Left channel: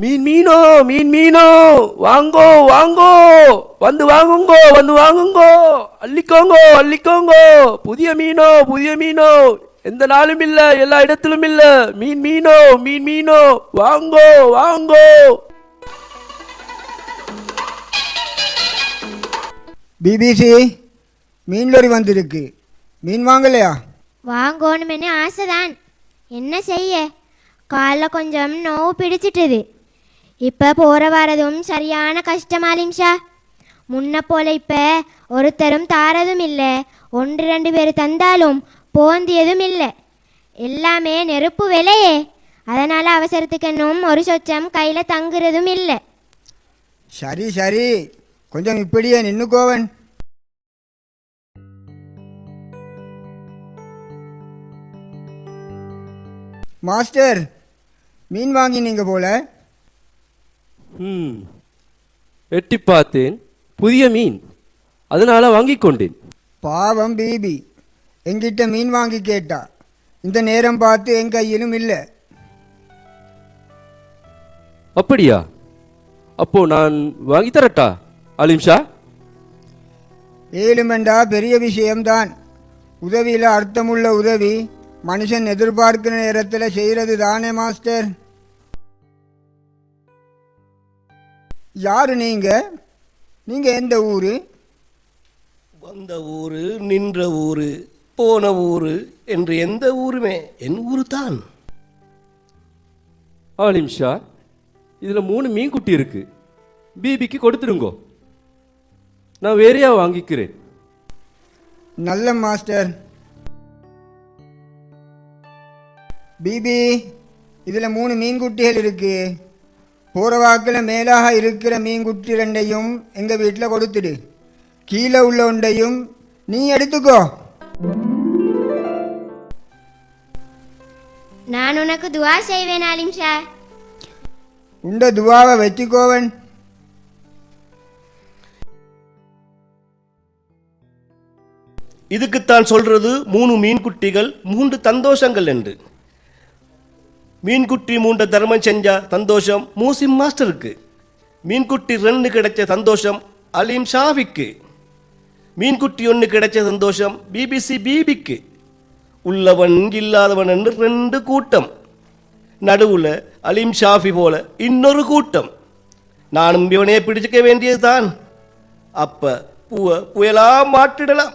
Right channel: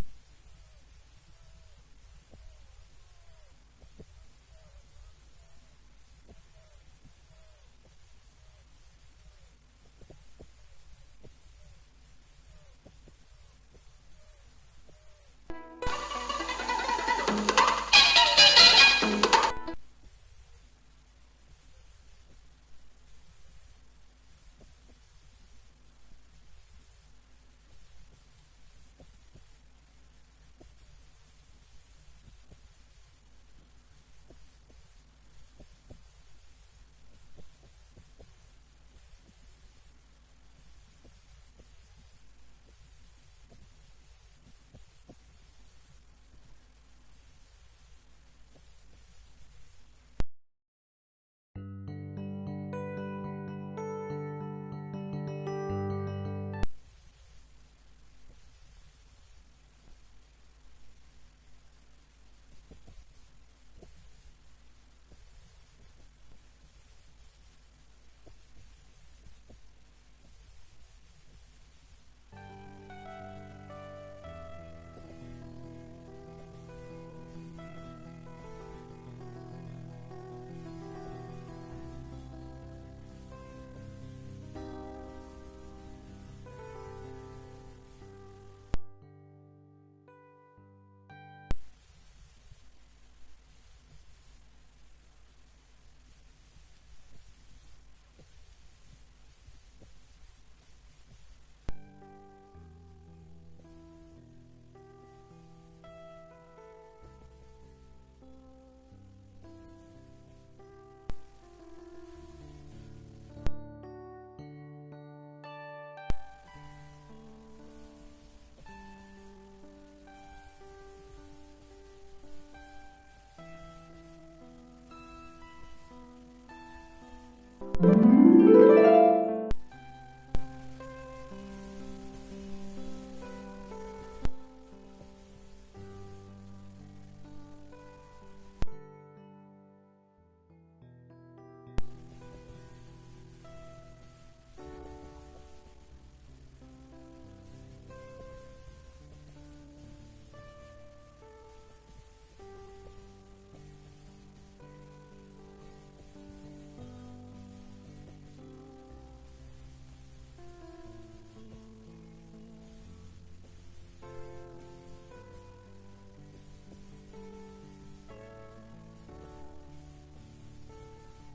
மீன் மீனோ மீன் மீனோ வாங்கோ வாங்கோ வந்து வாங்குங்கோ வந்து வாங்குங்கோ அள்ளிக்கோங்கோ அள்ளிக்கோங்கோ புதிய மீனோ எந்த நாளும் இல்ல எல்லா இடத்திலும் இல்ல மீன் மீனோ வாங்கோ வாங்கோ. பிபிசி மீன் லோரி வந்திருக்கு. மீன் வாங்கலையா? வாங்கணும்னு ஆசைதான், என்ன செய்ய, காலில் கொஞ்சம் நோவு பிடிச்சிட்டுது. இப்போ போகிற வரதும் சரியான கஷ்டமாலிம்ஷா. முன்ன போல இப்போ ஒருத்தரும் தாரதும் இல்லை, 1-2 பேர் தந்தாலும் போந்தியதும் இல்லை. எல்லாமே நெருப்பு விலையே, அதனால் அவசரத்துக்கு இன்னும் ஒரு சொச்சம் கையில் தங்குறதும் இல்லை. சரி சரி, கொஞ்சம் இப்படியே நின்னுக்கோவன். மாஸ்டர், மீன் வாங்கினீங்க போல. எட்டி பார்த்தேன், புதிய மீன், அதனால வாங்கி கொண்டேன். பாவம் பிபி, எங்கிட்ட மீன் வாங்கி கேட்டா. இந்த நேரம் பார்த்து என் கையிலும் இல்லை. அப்படியா? அப்போ நான் வாங்கி தரட்டா அலிம்ஷா? ஏழுமெண்டா பெரிய விஷயம்தான். உதவியில் அர்த்தமுள்ள உதவி மனுஷன் எதிர்பார்க்கிற நேரத்தில் செய்கிறது தானே மாஸ்டர். யாரு நீங்க? நீங்க எந்த ஊரு? வந்த ஊரு, நின்ற ஊரு, போன ஊரு என்று எந்த ஊருமே என் ஊரு தான். அலிம்ஷா, இதுல 3 மீன் குட்டி இருக்கு, பிபிக்கு கொடுத்துடுங்கோ, நான் வேறையா வாங்கிக்கிறேன். நல்ல மாஸ்டர். பிபி, இதில் 3 மீன்குட்டிகள் இருக்கு. போகிற வாக்கில் மேலாக இருக்கிற மீன்குட்டி 2ஐயும் எங்கள் வீட்டில் கொடுத்துடு. கீழே உள்ள ஒன்றையும் நீ எடுத்துக்கோ. நான் உனக்கு துவா செய்வேன் அலிம்ஷா. உண்ட துவாவை வச்சுக்கோவன். இதுக்குத்தான் சொல்றது 3 மீன்குட்டிகள் 3 சந்தோஷங்கள் என்று. மீன்குட்டி 3 தர்மம் செஞ்சா சந்தோஷம் மூசிம் மாஸ்டருக்கு. மீன்குட்டி 2 கிடைச்ச சந்தோஷம் அலீம் ஷாவிக்கு. மீன்குட்டி 1 கிடைச்ச சந்தோஷம் பிபிசி பிபிக்கு. உள்ளவன் இல்லாதவன் என்று 2 கூட்டம், நடுவுல அலீம் ஷாஃபி போல இன்னொரு கூட்டம். நானும் இவனே பிடிச்சிக்க வேண்டியதுதான். அப்ப புயலா மாற்றிடலாம்.